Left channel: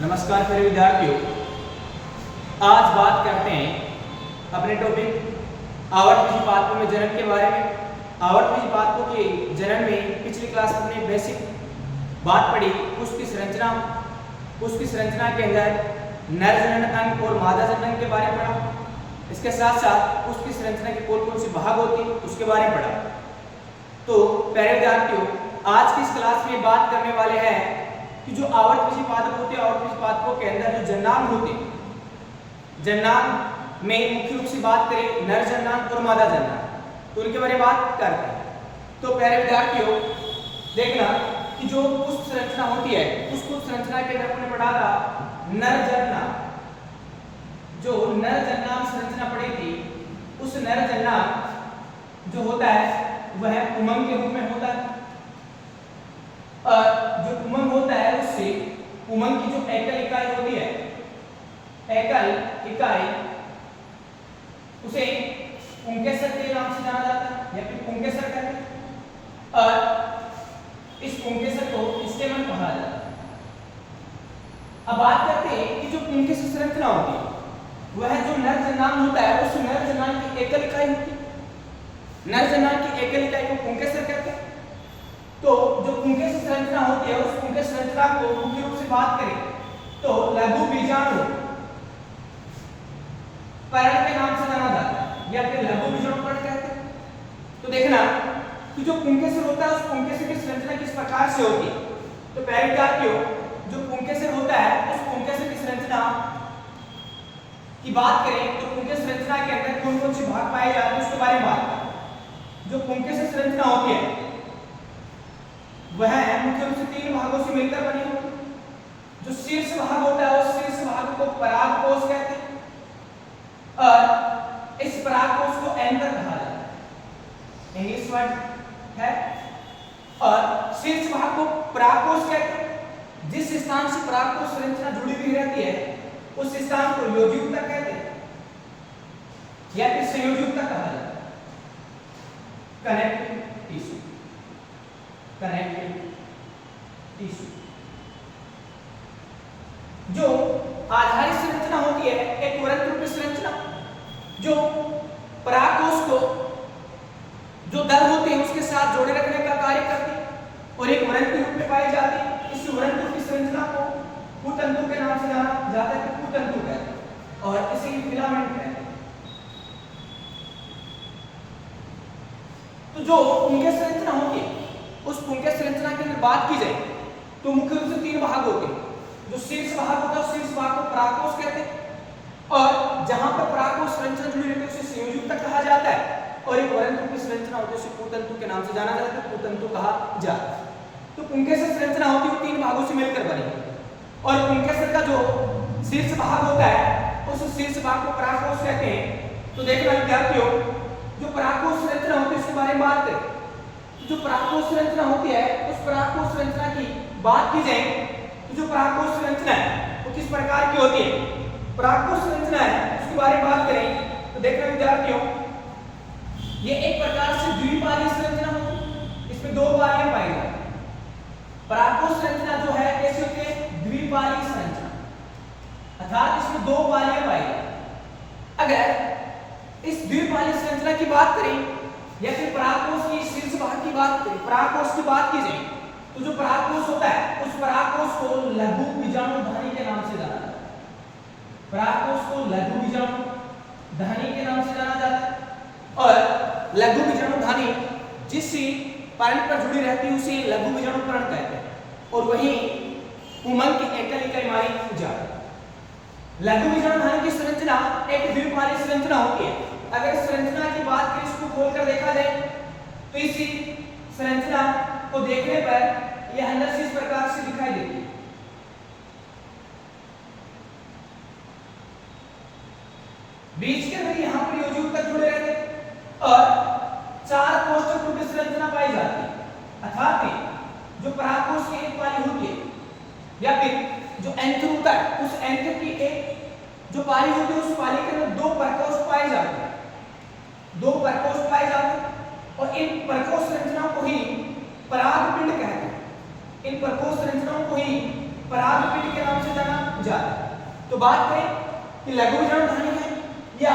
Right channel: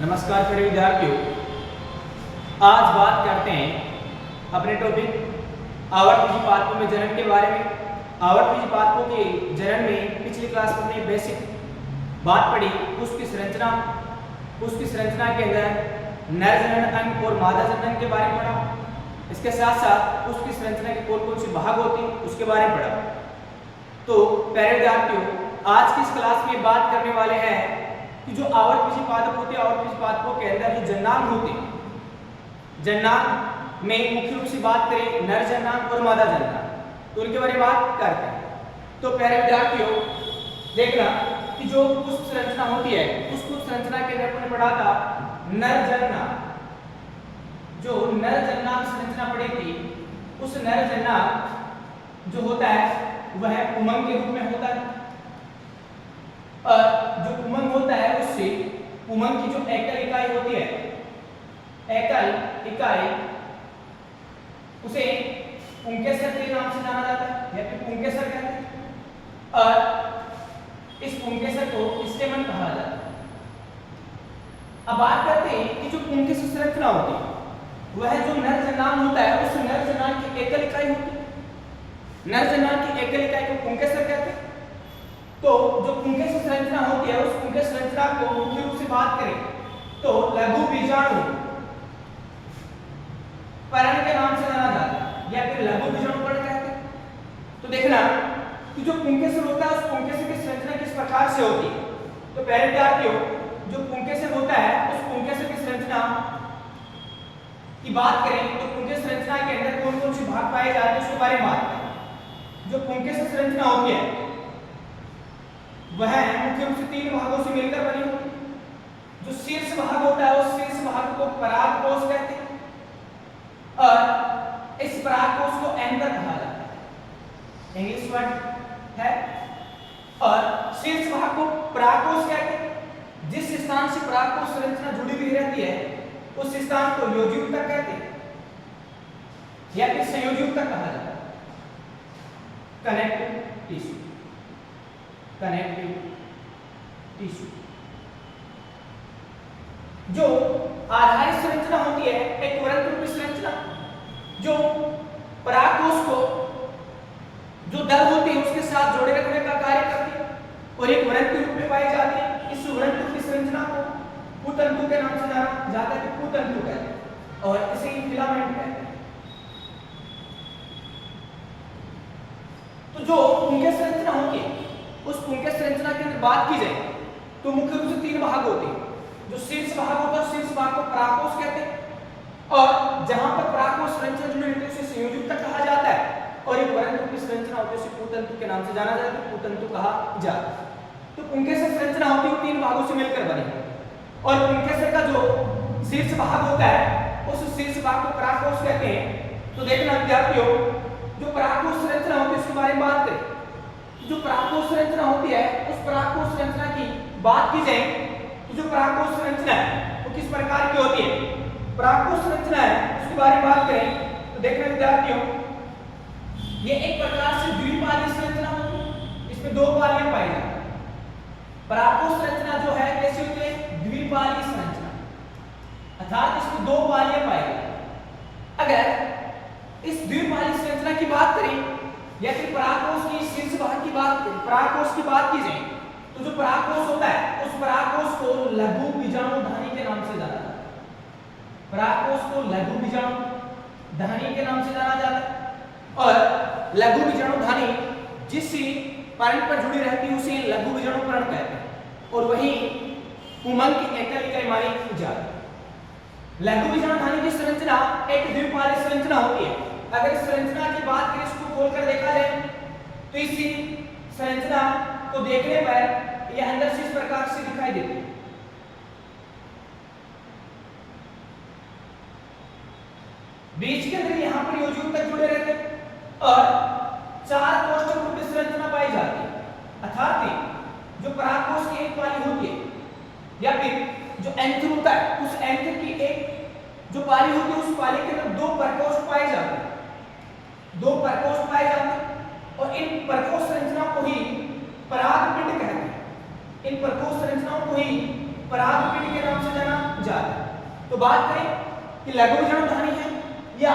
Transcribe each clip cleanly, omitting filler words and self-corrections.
नमस्कार प्यारे विद्यार्थियों, आज बात करते हैं अपने टॉपिक आवर्तफीजी पादपों में जनन के बारे में। आवर्तफीजी पादपों के जनन में पिछली क्लास में हमने बेसिक बात पढ़ी। उसकी संरचना के अंदर नर जनन अंग और मादा जनन अंग के बारे में पढ़ा। इसके साथ साथ उसकी संरचना के कौन कौन से भाग होते हैं उसके बारे में पढ़ा। तो प्यारे विद्यार्थियों, आज की इस क्लास में बात करने वाले हैं कि जो आवर्तफीजी पादप होते हैं, आवर्तफीजी पादपों के अंदर जो जननांग होते हैं, जननांग में मुख्य रूप से बात करें नर जननांग और मादा जननांग, तो उनके बारे में बात करते हैं। तो प्यारे विद्यार्थियों, देखना कि जो कुछ संरचना होती है, उस कुछ संरचना के अंदर हमने पढ़ा था नर जननांग। जो नर जननांग संरचना पढ़ी थी, उस नर जननांग जो होता है वह उमंग के रूप में होता है। और जो उमंग होता है उससे उमंग की जो एकल इकाई होती है, एकल इकाई, उसे पुंकेसर के नाम से जाना जाता है या फिर पुंकेसर कहते हैं। और इस पुंकेसर को स्टेमन कहा जाता है। अब बात करते हैं कि जो पुंकेसर संरचना होती है, वह जो नर जननांग होता है उस नर जननांग की एकल इकाई होती है। नर जननांग की एकल इकाई को पुंकेसर कहते हैं। तो जो पुंकेसर संरचना होती है, उस पुंकेसर संरचना को मुख्य रूप से बात करें तो लघु बीजाणु पर्ण के नाम से जाना जाता है या फिर लघु बीजाणु पर्ण कहते हैं। तो देखना कि जो पुंकेसर होता है, उस पुंकेसर की संरचना किस प्रकार से होती है। तो पहले विद्यार्थियों, जो पुंकेसर होता है, उस पुंकेसर की संरचना की बात करें तो पुंकेसर संरचना के अंदर कौन कौन से भाग पाए जाते हैं उसके बारे में बात करें। जो पुंकेसर संरचना होती है वह मुख्य रूप से 3 भागों से मिलकर बनी होती है। जो शीर्ष भाग होता है, उस शीर्ष भाग को परागकोश कहते हैं और इस परागकोश को एंकर कहा जाता है, इंग्लिश वर्ड है। और शीर्ष भाग को परागकोश कहते हैं। जिस स्थान से परागकोश संरचना जुड़ी हुई रहती है उस स्थान को योजयुक्तक कहते हैं या फिर संयोजयुक्तक कहा जाता है। Connective tissue, connective tissue. जो आधारित संरचना होती है, एक वृत्त रूपी संरचना, जो परागकोश को जो दल होते हैं उसके साथ जोड़े रखने का कार्य करती है और एक वृत्त रूप में पाई जाती है। इस वृत्त रूपी संरचना को कुतंतु के नाम से जाना जाता है, कि कुतंतु कहते हैं और इसे फिलामेंट कहते हैं। तो जो पुंकेसर संरचना होती है, उस पुंकेसर संरचना की बात की जाए तो मुख्य रूप से 3 भाग होते हैं। जो शीर्ष भाग होता है, शीर्ष भाग को परागकोश कहते हैं और जहां पर परागकोश संरचना जुड़ी रहती है उसे संयोजयुक्तक कहा जाता है। और एक वृत्त रूपी संरचना होती है, उसे कुतंतु के नाम से जाना जाता है, कुतंतु कहा जाता है। तो पुंकेसर संरचना होती है वो 3 भागों से मिलकर बनी है और पुंकेसर का जो शीर्ष भाग होता है उस शीर्ष भाग को परागकोश कहते हैं। तो देखना विद्यार्थियों, जो परागकोश संरचना होती है उसके बारे में बात करें। जो परागकोश संरचना होती है, उस परागकोश संरचना की बात की जाए तो जो परागकोश संरचना है वो किस प्रकार की होती है। परागकोश संरचना है उसके बारे में बात करें तो देखना विद्यार्थियों, ये एक प्रकार से द्विपाली संरचना होती है। इसमें 2 पालियां पाई जाती हैं। परागकोश संरचना जो है कैसी होती है, द्विपाली संरचना, अर्थात इसमें 2 पालियां पाई जाती हैं। अगर इस द्विपाली संरचना की बात करें या फिर परागकोश की शीर्ष भाग की बात करें, परागकोश की बात की जाए तो जो परागकोश होता है उस परागकोश को लघु बीजाणुधानी के नाम से जाना जाता है। परागकोश को लघु बीजाणुधानी के नाम से जाना जाता है और लघु बीजाणुधानी जिस पर्ण पर जुड़ी रहती है उसे लघु बीजाणु पर्ण कहते हैं और वही उमंग की एकल इकाई मानी जाती है। लघु बीजाणुधानी की संरचना एक द्विपाली संरचना होती है। अगर इस संरचना की बात करें, इसको खोलकर देखा जाए तो इस संरचना को देखने पर यह अंदर से इस प्रकार से दिखाई देती है। बीच के अंदर यहां पर योजयुक्तक जुड़े रहते हैं और 4 कोष्ठक रूपी संरचना पाई जाती है। अर्थात जो परागकोश की एक पाली होती है या फिर जो एंकर होता है, उस एंकर की एक जो पाली होती है उस पाली के अंदर 2 परकोष पाए जाते हैं। 2 परकोष पाए जाते हैं और इन परकोष संरचना को ही परागपिंड कहते हैं। इन परकोष संरचनाओं को ही परागपिंड के नाम से जाना जाता है। तो बात करें कि लघु विजाणुधानी है या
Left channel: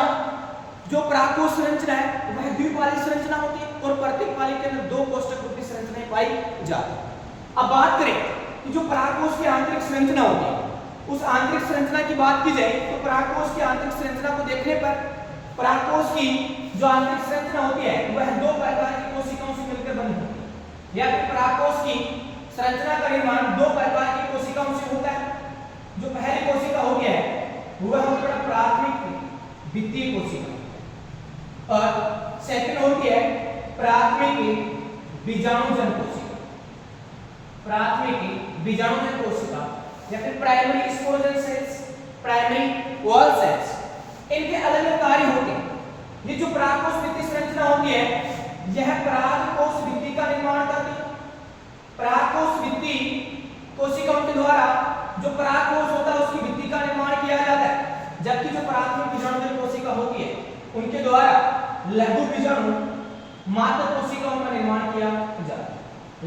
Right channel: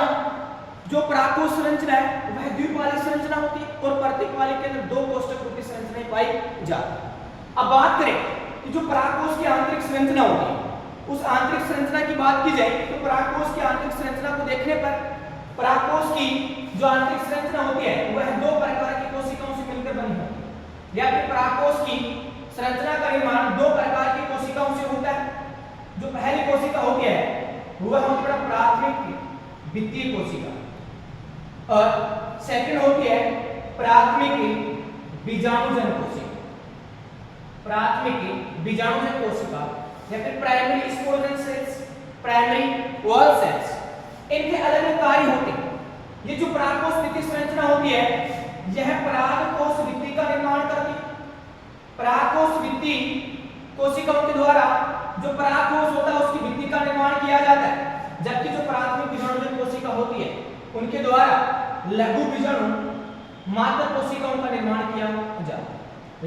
जो परागकोश संरचना है वह द्विपाली संरचना होती है और प्रत्येक पाली के अंदर 2 कोष्ठक रूपी संरचनाएं पाई जाती है। अब बात करें कि जो परागकोश की आंतरिक संरचना होती है उस आंतरिक संरचना की बात की जाए तो परागकोश की आंतरिक संरचना को देखने पर परागकोश की जो आंतरिक संरचना होती है वह 2 प्रकार की कोशिकाओं से मिलकर बनी होती है या फिर परागकोश की संरचना का निर्माण 2 प्रकार की कोशिकाओं से होता है। जो पहली कोशिका होती है वह होती है प्राथमिक वित्तीय कोशिका और सेकंड होती है प्राथमिक बीजाणुजन कोशिका। प्राथमिक बीजाणुजन कोशिका या फिर primary sporogenous cells, primary wall cells, इनके अलग अलग कार्य होते हैं। ये जो परागकोश भित्ति संरचना होती है यह परागकोश भित्ति का निर्माण करती है। परागकोश भित्ति कोशिकाओं के द्वारा जो परागकोश होता है उसकी भित्ति का निर्माण किया जाता है, जबकि जो प्राथमिक बीजाणुजन कोशिका होती है उनके द्वारा लघु बीजाणु मात्र कोशिकाओं का निर्माण किया जाता है।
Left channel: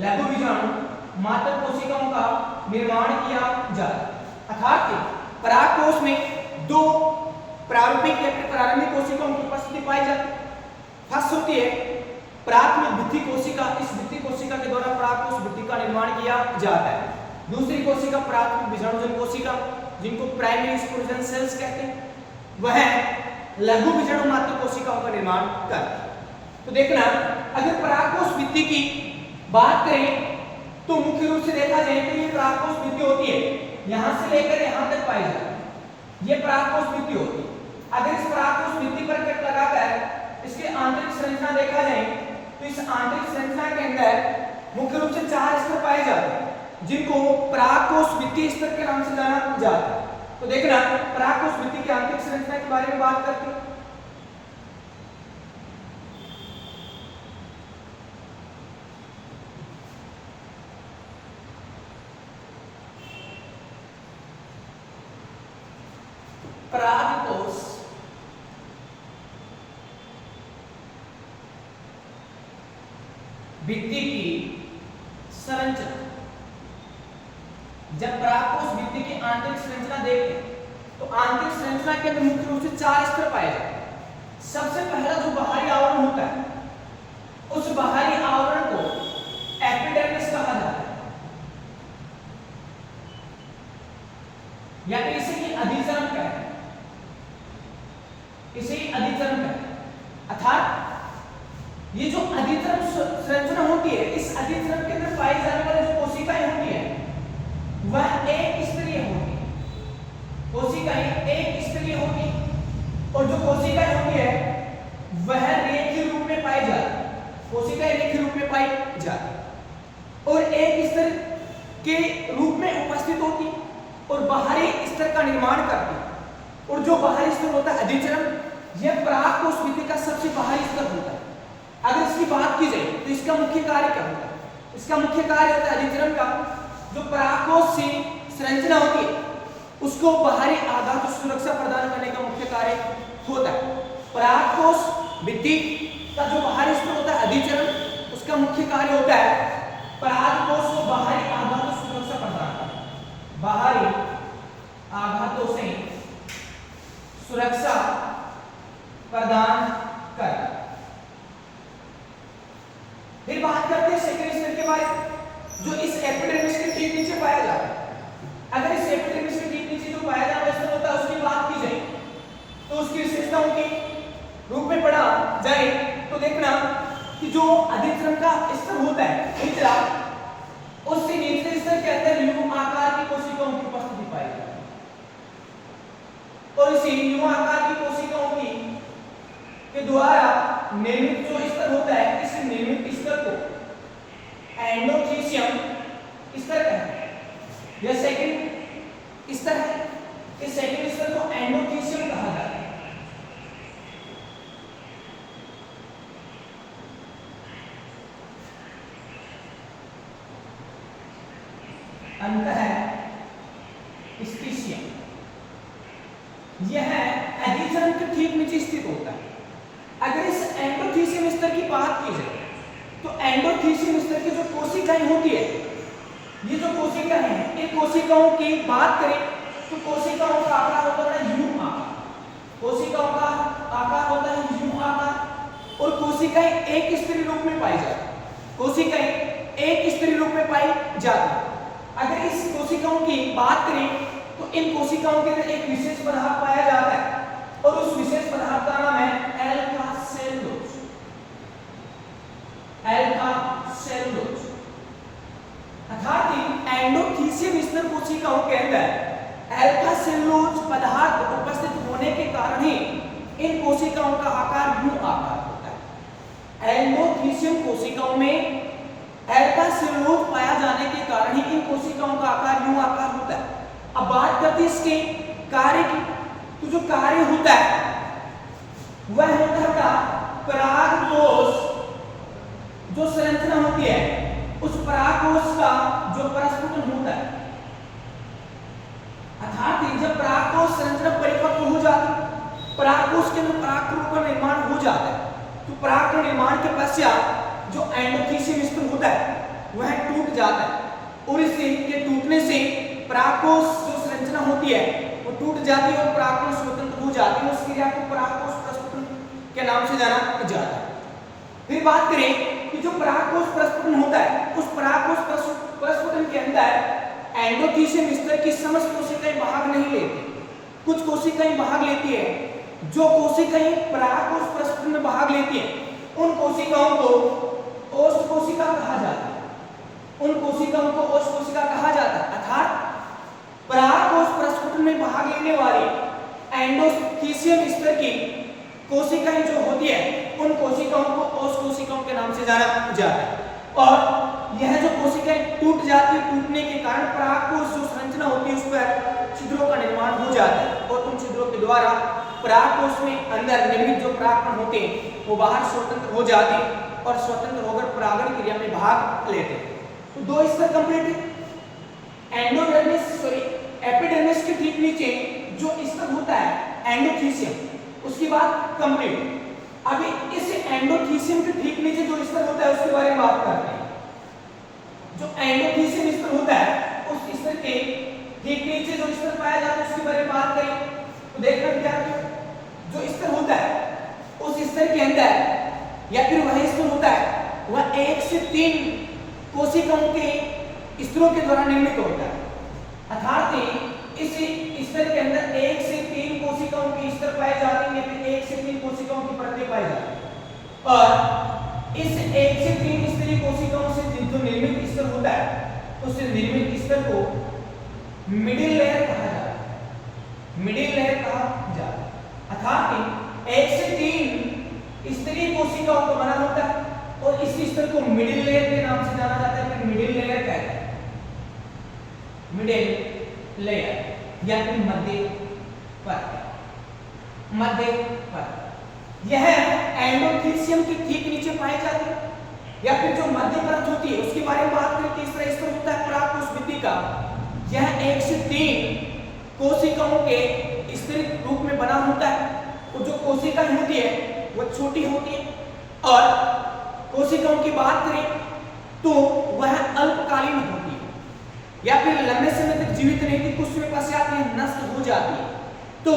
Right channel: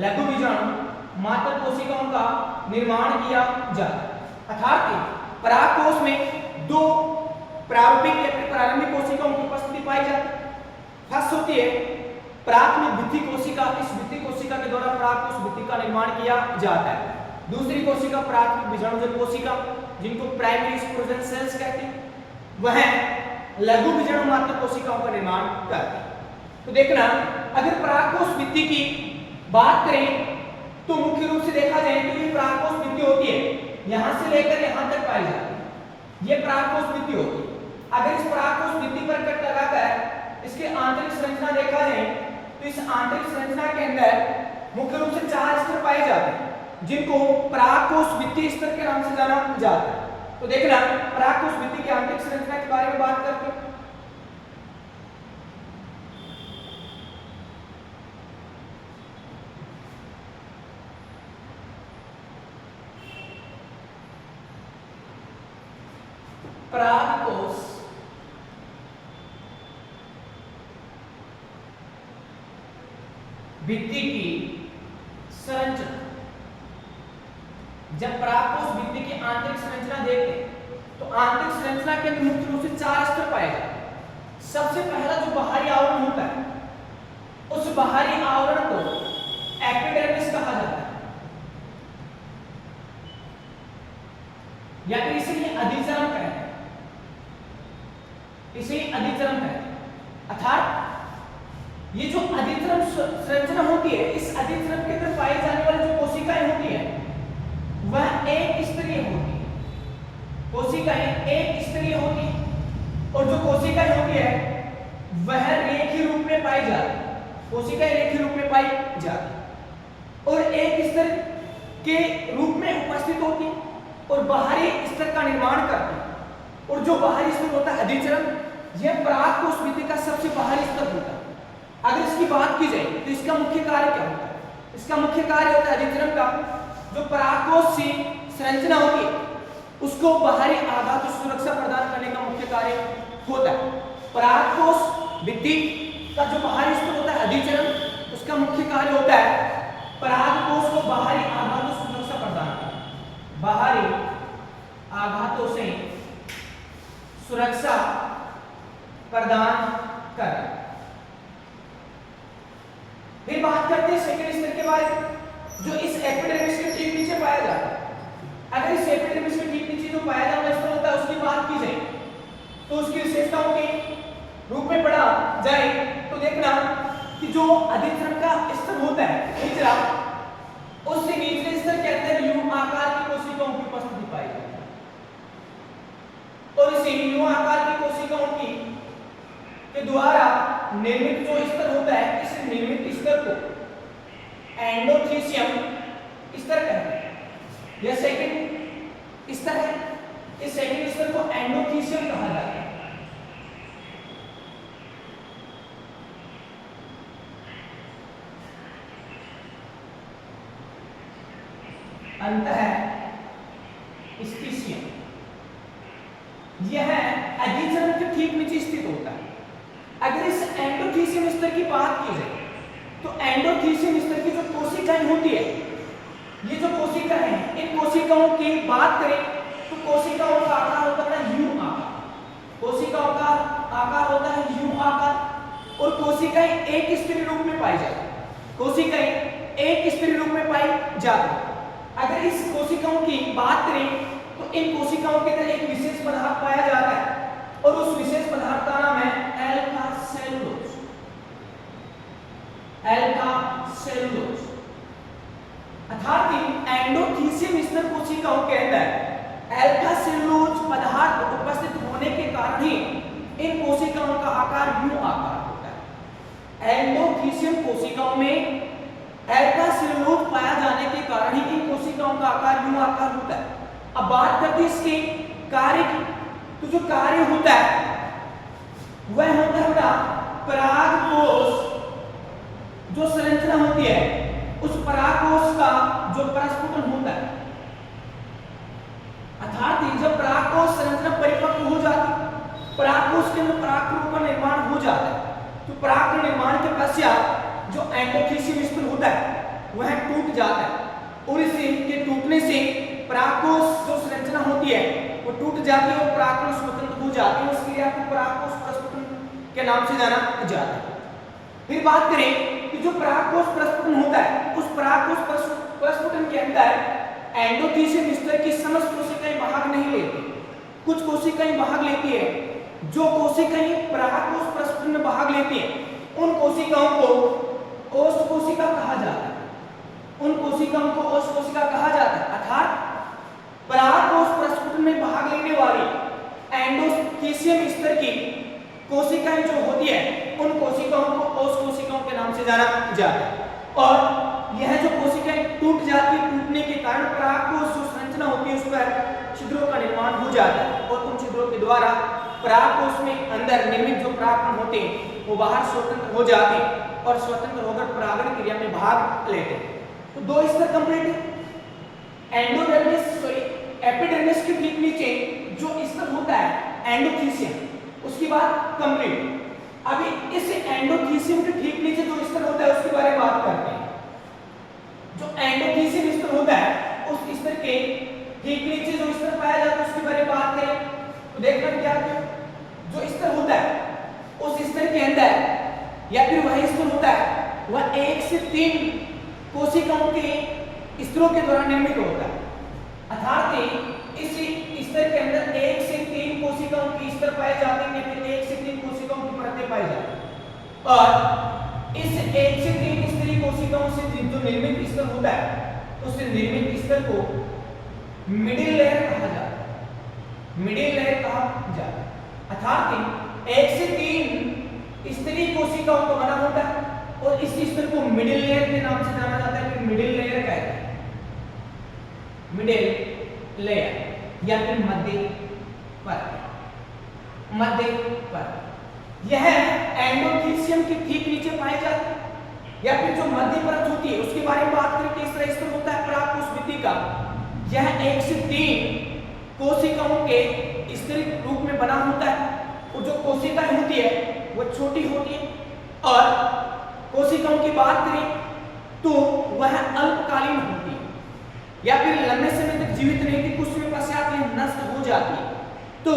लघु बीजाणु मात्र कोशिकाओं का निर्माण किया जाता है। अर्थात परागकोश में 2 प्रारूपिक या फिर प्रारंभिक कोशिकाओं की उपस्थिति पाई जाती है। फर्स्ट होती है प्राथमिक भित्ति कोशिका। इस भित्ति कोशिका के द्वारा परागकोश भित्ति का निर्माण किया जाता है। दूसरी कोशिका प्राथमिक बीजाणुजन कोशिका जिनको प्राइमरी स्पोरोजन सेल्स कहते हैं, वह लघु बीजाणु मात्र कोशिकाओं का निर्माण करती है। तो देखना अगर परागकोश भित्ति की बात करें तो मुख्य रूप से देखा जाए तो ये परागकोश भित्ति होती है, यहां से लेकर यहां तक पाई जाती है। ये परागकोश भित्ति होती है। अगर इस परागकोश भित्ति पर कट लगाकर इसके आंतरिक संरचना देखा जाए तो इस आंतरिक संरचना के अंदर मुख्य रूप से 4 स्तर पाए जाते हैं जिनको परागकोश भित्ति स्तर के नाम से जाना जाता है। तो देखना परागकोश भित्ति की आंतरिक संरचना के बारे में बात करते हैं। परागकोश भित्ति की संरचना, जब परागकोश भित्ति की आंतरिक संरचना देखते तो आंतरिक संरचना के अंदर मुख्य रूप से 4 स्तर पाए जाते हैं। सबसे पहला जो बाहरी आवरण होता है उस बाहरी आवरण को एपिडर्मिस कहा जाता है या फिर इसे ही अधिचर्म कहते हैं। इसे ही अधिचर्म कहते हैं। अर्थात ये जो अधिचर्म संरचना होती है इस अधिचर्म के अंदर पाई जाने वाली जो कोशिकाएं होती है वह एक स्तरीय होती है। कोशिकाएं एक स्तरीय होती है और जो कोशिकाएं होती है वह रेखीय रूप में पाई जाती है। कोशिकाएं रेखीय रूप में पाई जाती है और एक स्तर के रूप में उपस्थित होती है और बाहरी स्तर का निर्माण करती है। और जो बाहरी स्तर होता है अधिचर्म, यह परागकोश भित्ति का सबसे बाहरी स्तर होता है। अगर इसकी बात की जाए तो इसका मुख्य कार्य क्या होता है? इसका मुख्य कार्य होता है अधिचर्म का जो परागकोश से संरचना होती है उसको बाहरी आघात और सुरक्षा प्रदान करने का मुख्य कार्य होता है। परागकोश भित्ति का जो बाहरी स्तर होता है अधिचर्म, उसका मुख्य कार्य होता है परागकोश को बाहरी आघात और सुरक्षा प्रदान करना। बाहरी आघातों से सुरक्षा प्रदान करना। फिर बात करते हैं सेकेंड स्तर के बारे में जो इस एपिडर्मिस के ठीक नीचे पाया जाता है। अगर इस एपिडर्मिस के ठीक नीचे जो पाया जाता है होता है उसकी बात की जाए तो उसकी विशेषताओं के रूप में पढ़ा जाए तो देखना कि जो अधिचर्म का स्तर होता है निचला, उससे निचले स्तर के अंदर यू आकार की कोशिकाओं की उपस्थिति पाई जाती है और इसी यू आकार की कोशिकाओं की के द्वारा निर्मित जो स्तर होता है इस निर्मित स्तर को एंडोथीसियम स्तर कहते हैं। यह सेकंड स्तर है। इस सेकंड स्तर को एंडोथीसियम कहा जाता है। अंतः स्पीशियम यह अधिचर्म के ठीक नीचे स्थित होता है। अगर इस एंडोथीसियम स्तर की बात की जाए तो एंडोथीसियम स्तर की जो कोशिकाएं होती है, ये जो कोशिकाएं हैं इन कोशिकाओं की बात करें तो कोशिकाओं का आकार होता है यू आकार, कोशिकाओं का आकार होता है यू आकार। और कोशिकाएं एक स्तरीय रूप में पाई जाती, कोशिकाएं एक स्तरीय रूप में पाई जाती। अगर इस कोशिकाओं की बात करें तो इन कोशिकाओं के अंदर एक विशेष पदार्थ पाया जाता है और उस विशेष पदार्थ का नाम है एल्फा सेलुलोज, एल्फा सेलुलोज। अर्थात एंडोथीसियम स्तर कोशिकाओं के अंदर एल्फा सेलुलोज पदार्थ उपस्थित होने के कारण ही इन कोशिकाओं का आकार यू आकार होता है। एंडोथीसियम कोशिकाओं में एल्फा सेलुलोज पाया जाने के कारण ही इन कोशिकाओं का आकार यू आकार होता है। अब बात करते हैं इसके कार्य की। तो जो कार्य होता है वह होता है बेटा परागकोश, जो संरचना होती है उस परागकोश का जो प्रस्फुटन होता है। अर्थात जब परागकोश संरचना परिपक्व हो जाती, परागकोश के अंदर परागकणों का निर्माण हो जाता है, तो पराग के निर्माण के पश्चात जो एंडोथीसियम स्तर होता है वह टूट जाता है और इसके टूटने से परागकोश जो संरचना होती है वो टूट जाती है और परागकण स्वतंत्र हो जाते हैं। उस क्रिया को परागकोश प्रस्फुटन के नाम से जाना जाता है। फिर बात करें कि जो परागकोश प्रस्फुटन होता है उस परागकोश प्रस्फुटन के अंदर एंडोथीसियम स्तर की समस्त कोशिकाएं भाग नहीं लेती, कुछ कोशिकाएं भाग लेती है। जो कोशिकाएं परागकोश प्रस्फुटन में भाग लेती हैं उन कोशिकाओं को ओष्ठ कोशिका कहा जाता है, उन कोशिकाओं को ओष्ठ कोशिका कहा जाता है। अर्थात परागकोश प्रस्फुटन में भाग लेने वाली एंडोथीसियम स्तर की कोशिकाएं जो होती है उन कोशिकाओं को ओष्ठ कोशिकाओं के नाम से जाना जाता है। और यह जो कोशिकाएं टूट जाती है, टूटने के कारण परागकोश जो संरचना होती है उस पर छिद्रों का निर्माण हो जाता है और उन छिद्रों के द्वारा परागकोश में अंदर निर्मित जो परागकण होते हैं वो बाहर स्वतंत्र हो जाते हैं और स्वतंत्र होकर परागण क्रिया में भाग लेते हैं। तो दो स्तर कंप्लीट है। एंडोडर्मिस सॉरी एपिडर्मिस के ठीक नीचे जो स्तर होता है एंडोथीसियम, उसके बाद कंप्लीट। अभी इस एंडोथीसियम के ठीक नीचे जो स्तर होता है उसके बारे में बात करते हैं। जो एंडोथीसियम स्तर होता है उस स्तर के ठीक नीचे जो स्तर पाया जाता है उसके बारे में बात करें तो देखना क्या जो स्तर होता है उस स्तर के अंदर या फिर वह स्तर होता है वह 1 से 3 कोशिकाओं के स्तरों के द्वारा निर्मित होता है। अर्थात इस स्तर के अंदर 1 से 3 कोशिकाओं के स्तर पाए जाते हैं या फिर 1 से 3 कोशिकाओं की परतें पाई जाती हैं। और इस 1 से 3 स्तरीय कोशिकाओं से जो निर्मित स्तर होता है उस निर्मित स्तर को मिडिल लेयर कहा जाता है, मिडिल लेयर कहा जाता है। अर्थात 1 से 3 स्तरीय कोशिकाओं का बना होता है और इस स्तर को मिडिल लेयर के नाम से जाना जाता है, फिर मिडिल लेयर कहते हैं, मिडिल लेयर या फिर मध्य परत, मध्य परत। यह एंडोथीसियम के ठीक नीचे पाए जाते हैं या फिर जो मध्य परत होती है उसके बारे में बात करें किस तरह स्तर होता है परागकोश भित्ति का। यह 1 से 3 कोशिकाओं के स्तरीय रूप में बना होता है और जो कोशिकाएं होती है वो छोटी होती है और कोशिकाओं की बात करें तो वह अल्पकालीन होती है या फिर लंबे समय तक जीवित रहती, कुछ समय पश्चात यह नष्ट हो जाती है। तो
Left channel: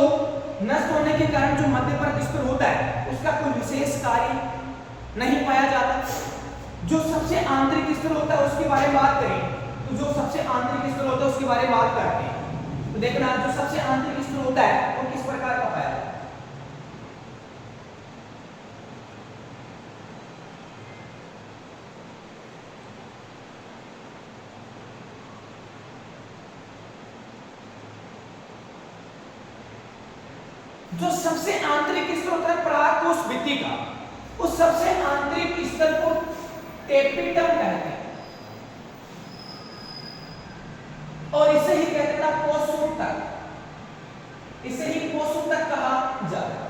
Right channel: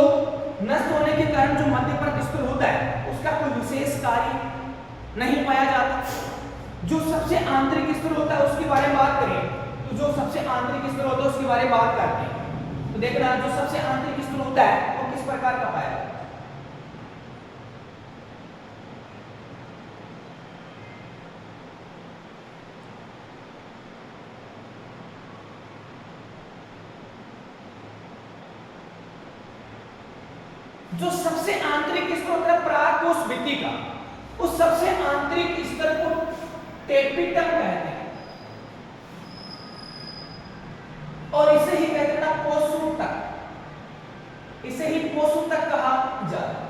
नष्ट होने के कारण जो मध्य परत स्तर होता है उसका कोई विशेष कार्य नहीं पाया जाता। जो सबसे आंतरिक स्तर होता है उसके बारे में बात करें तो जो सबसे आंतरिक स्तर होता है उसके बारे में बात करते हैं। तो देखना जो सबसे आंतरिक स्तर होता है वो किस प्रकार का पाया जाता है। जो सबसे आंतरिक स्तर होता है परागकोश भित्ति का, उस सबसे आंतरिक स्तर को टेपिटम कहते हैं और इसे ही कहते हैं पोषोतक, इसे ही पोषोतक कहा जाता है।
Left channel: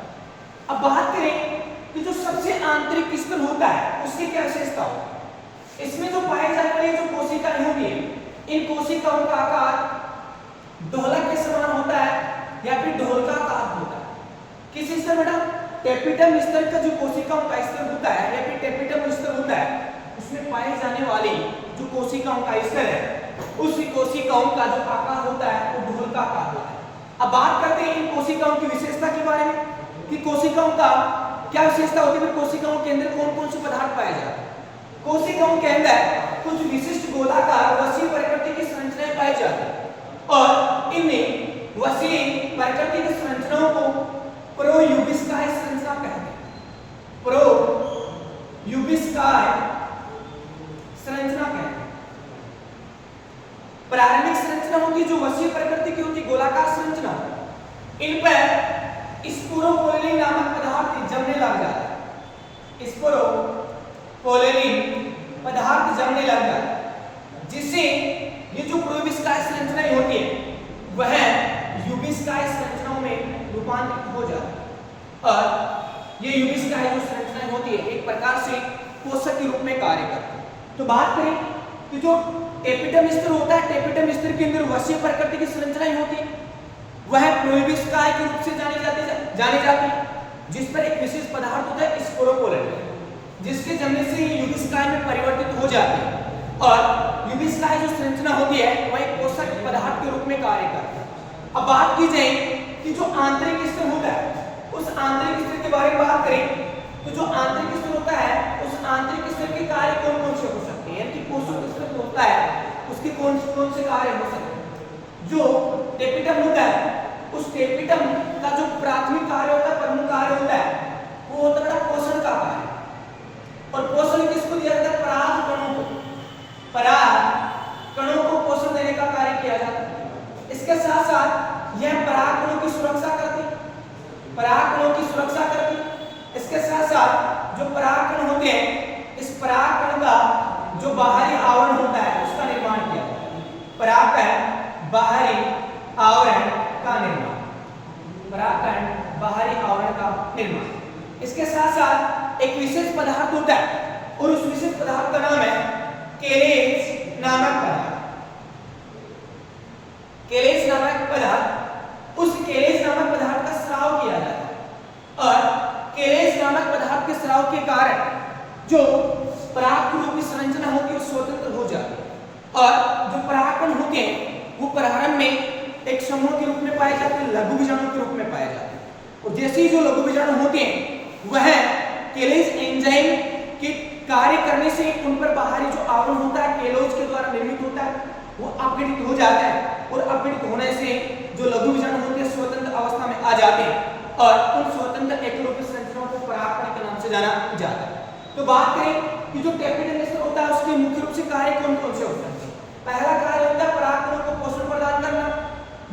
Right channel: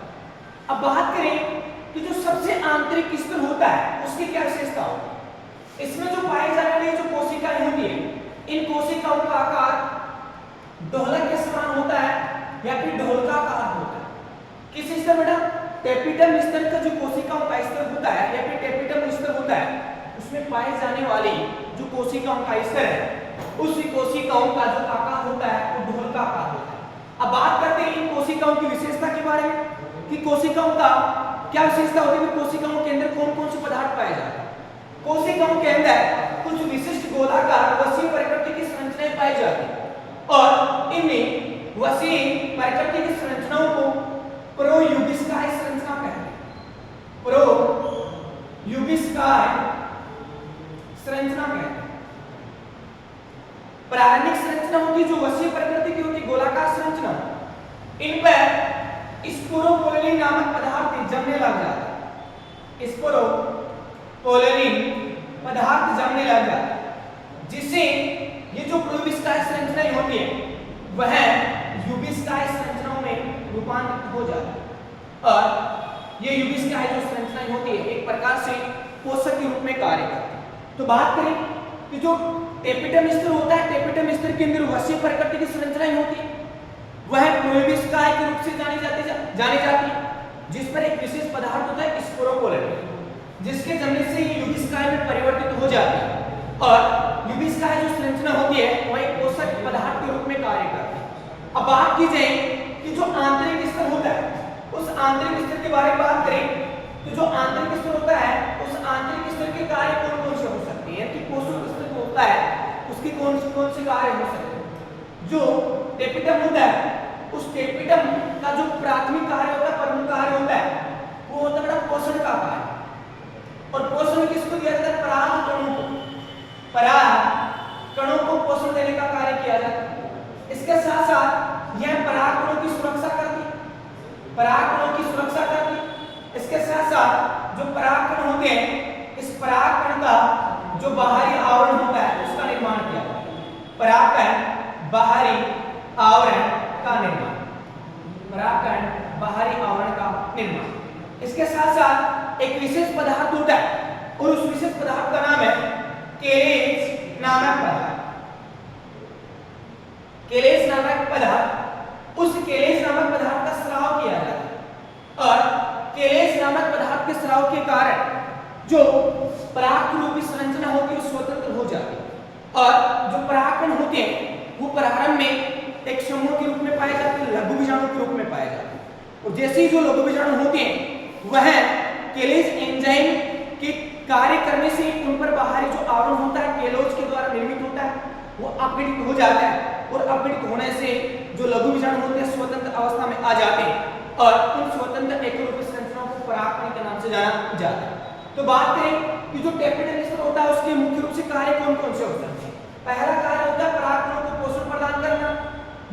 अब बात करें कि जो सबसे आंतरिक स्तर होता है उसकी क्या विशेषता हो, इसमें जो पाए जाने वाली जो कोशिकाएं होती है इन कोशिकाओं का आकार ढोलक के समान होता है या फिर ढोलकाकार होता है। किस स्तर बेटा, टेपिटम स्तर का जो कोशिकाओं का स्तर होता है या फिर टेपिटम स्तर होता है उसमें पाए जाने वाली जो कोशिकाओं का स्तर है उस कोशिकाओं का जो आकार होता है वो ढोल का आकार होता है। अब बात करते हैं इन कोशिकाओं की विशेषता के बारे में कि कोशिकाओं का क्या विशेषता होती है, कोशिकाओं के अंदर कौन कौन से पदार्थ पाए जाते हैं। कोशिकाओं के अंदर कुछ विशिष्ट गोलाकार वसीय प्रकृति की संरचनाएं पाई जाती हैं और इनमें वसीय प्रकृति की संरचनाओं को प्रोयूबिस्काय संरचना कहते हैं। प्रोयूबिस्काय संरचना कहते हैं। प्रारंभिक संरचना होती है जो वसीय प्रकृति की होती है, गोलाकार संरचना, इन पर स्पोरोपोलिन नामक पदार्थ जमने लग जाता है। स्पोरोपोलिन पदार्थ जमने लग जाता है जिससे ये जो प्रोयूबिस्काय संरचनाएं होती है वह यूबिस्काय संरचनाओं में रूपांतरित हो जाती है और ये यूबिस्काय जो संरचनाएं होती है एक प्रकार से पोषक के रूप में कार्य करती है। तो बात करें कि जो टेपिटम स्तर होता है, टेपिटम स्तर के अंदर वसीय प्रकृति की संरचनाएं होती है वह प्रोयूबिस्काय के रूप से जानी जाती है जिस पर एक विशेष पदार्थ होता है स्पोरोपोलिन, जिसके जमने से ये यूबिस्काय में परिवर्तित हो जाती है और यूबिस्काय जो संरचना होती है वह एक पोषक पदार्थ के रूप में कार्य करती है। अब बात की जाए कि जो आंतरिक स्तर होता है उस आंतरिक स्तर के बारे में बात करें तो जो आंतरिक स्तर होता है उस आंतरिक स्तर के कार्य कौन कौन से हो सकते हैं, कि पोषक स्तर होता है उसके कौन से कार्य हो सकते हैं। जो टेपिटम होता है उस टेपिटम का जो प्राथमिक कार्य होता है, प्रमुख कार्य होता है वो होता है पोषण का कार्य। और पोषण किसको दिया जाता है, पराग कणों को, पराग कणों को पोषण देने का कार्य किया जाता है। इसके साथ साथ यह पराग कणों की सुरक्षा करती है, पराग कणों की सुरक्षा करती है। इसके साथ साथ जो पराग कण होते हैं इस पराग कण का जो बाहरी आवरण होता है उसका निर्माण किया जाता है। परागकण बाहरी आवरण का निर्माण, परागकण बाहरी आवरण का निर्माण। इसके साथ साथ एक विशेष पदार्थ होता है और उस विशेष पदार्थ का नाम है केलेज नामक पदार्थ। केलेज नामक पदार्थ, उस केलेज नामक पदार्थ का स्राव किया जाता है और केलेज नामक पदार्थ के स्राव के कारण जो पराग रूपी संरचना होती है स्वतंत्र हो जाती है और जो परागकण होते हैं वो प्रारंभ में एक समूह के रूप में पाए जाते हैं, लघु बीजाणु के रूप में पाए जाते हैं। और जैसे ही जो लघु बीजाणु होते हैं वह केलेज एंजाइम के कार्य करने से उन पर बाहरी जो आवरण होता है केलोज के द्वारा निर्मित होता है वो अपघटित हो जाता है और अपघटित होने से जो लघु बीजाणु होते हैं स्वतंत्र अवस्था में आ जाते हैं और उन स्वतंत्र एकरूपी संरचनाओं को परागकण के नाम से जाना जाता है। तो बात करें कि जो टेपिटम स्तर होता है उसके मुख्य रूप से कार्य कौन कौन से होते हैं। पहला कार्य होता है परागकणों को पोषण प्रदान करना,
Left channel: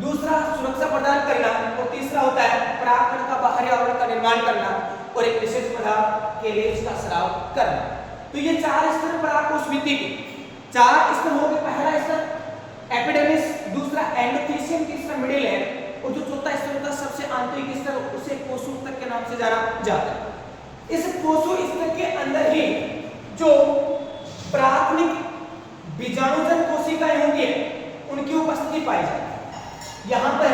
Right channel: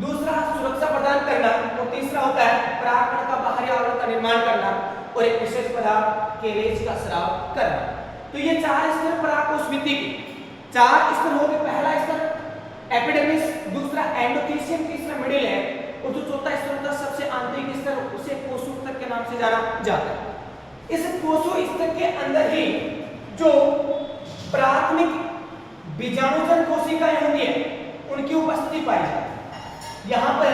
दूसरा सुरक्षा प्रदान करना और तीसरा होता है परागकण का बाहरी आवरण का निर्माण करना और एक विशेष पदार्थ केलेज का स्राव करना। तो ये चार स्तर परागकोश भित्ति के चार स्तर हो गए। पहला स्तर एपिडर्मिस, दूसरा एंडोथेलियम, तीसरा मिडिल है और जो चौथा स्तर होता है सबसे आंतरिक स्तर उसे कोशोस्तक के नाम से जाना जाता है। इस कोशोस्तक के अंदर ही जो प्राथमिक बीजाणुजन कोशिकाएं होती है उनकी उपस्थिति पाई जाती है। यहाँ पर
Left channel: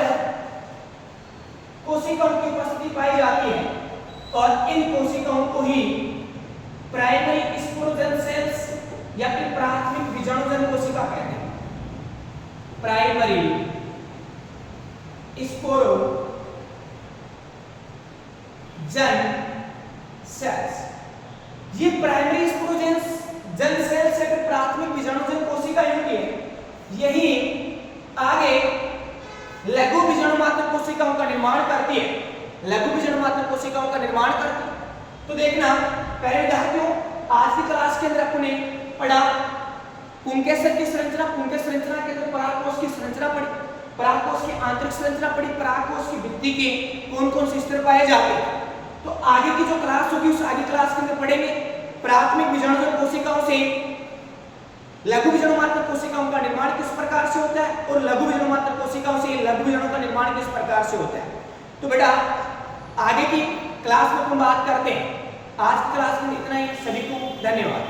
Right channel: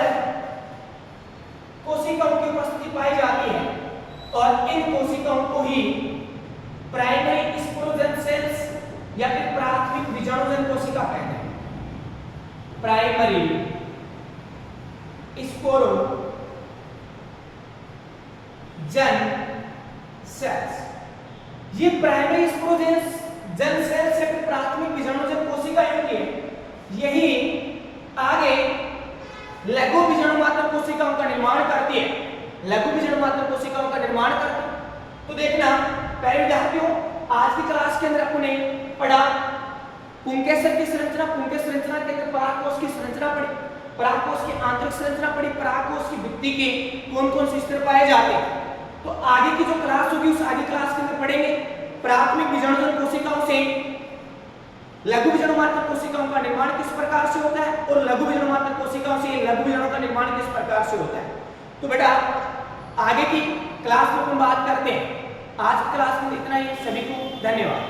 कोशिकाओं की उपस्थिति पाई जाती है और इन कोशिकाओं को ही प्राइमरी स्पोरोजन सेल्स या फिर प्राथमिक बीजाणुजन कोशिका कहते हैं। प्राइमरी स्पोरोजन सेल्स, ये प्राइमरी स्पोरोजन सेल्स या फिर प्राथमिक बीजाणुजन कोशिकाएं होती है, यही आगे लघु बीजाणु मात्र कोशिकाओं का निर्माण करती है, लघु बीजाणु मात्र कोशिकाओं का निर्माण करती है। तो देखना पहले विद्यार्थियों आज की क्लास के अंदर अपने पढ़ा पुंकेसर की संरचना, पुंकेसर संरचना के अंदर परागकोश की संरचना पढ़ी, परागकोश की आंतरिक संरचना पढ़ी, परागकोश की भित्ति के कौन कौन से स्तर पाए जाते हैं। तो आगे की जो क्लास होगी उस आगे क्लास के अंदर पढ़ेंगे प्राथमिक बीजाणुजन कोशिकाओं से लघु बीजाणु मात्र कोशिकाओं का निर्माण किस प्रकार से होता है और लघु बीजाणु मात्र कोशिकाओं से लघु बीजाणु का निर्माण किस प्रकार से होता है। तो बेटा आगे की क्लास में हम बात करते हैं। आज की क्लास में इतना ही, सभी को धन्यवाद।